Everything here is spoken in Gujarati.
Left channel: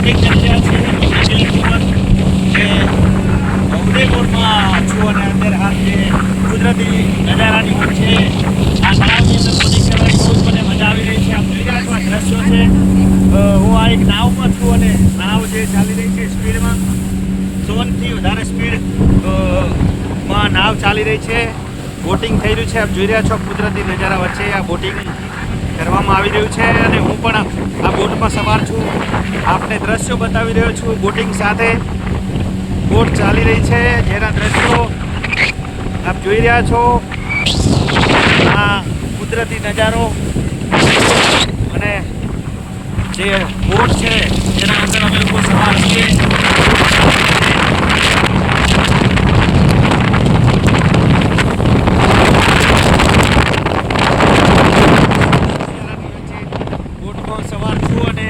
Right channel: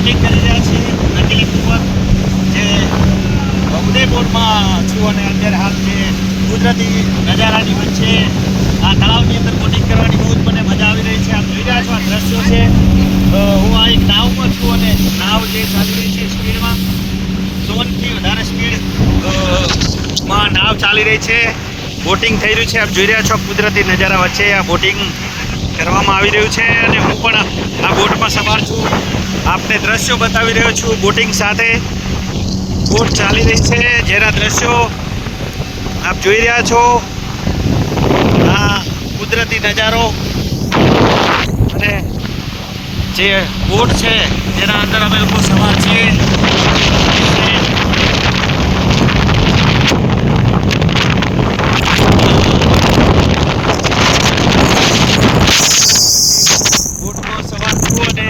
બોટિંગ કરી રહ્યા છીએ નદી ઉપર જે ઉદયપુરમાં છું અને અત્યારે હાલ જે કુદરતી નજારાની વચ્ચે આ તળાવની અંદર બોટિંગ કરવાની બહુ જ મને મજા આવી રહી છે. આ ગુજરાતમાં દ્રશ્યો છે. હું આ એક નાવમાં છું અને નાવ જે ચાલી રહી છે સ્પીડમાં 100થી વધારે સ્પીડમાં નાવ ચાલી રહી છે. બોટિંગ થઈ રહ્યું છે. આપ જોઈ રહ્યા છો કુદરતી નજારા વચ્ચે આ બોટિંગ કરવામાં આવી રહ્યું છે અને હું પણ આ બોટમાં સવાર છું. આપને દ્રશ્યો બતાવી રહ્યો છું. બોટિંગ સાથે બોટ ચાલી રહી છે જેના દ્રશ્યો આપ જોઈ રહ્યા છો. આ કુદરતી નજારો અને જે બોટ છે જેના અંદર અમે લોકો સવાર છીએ. બોટમાં સવાર છું અને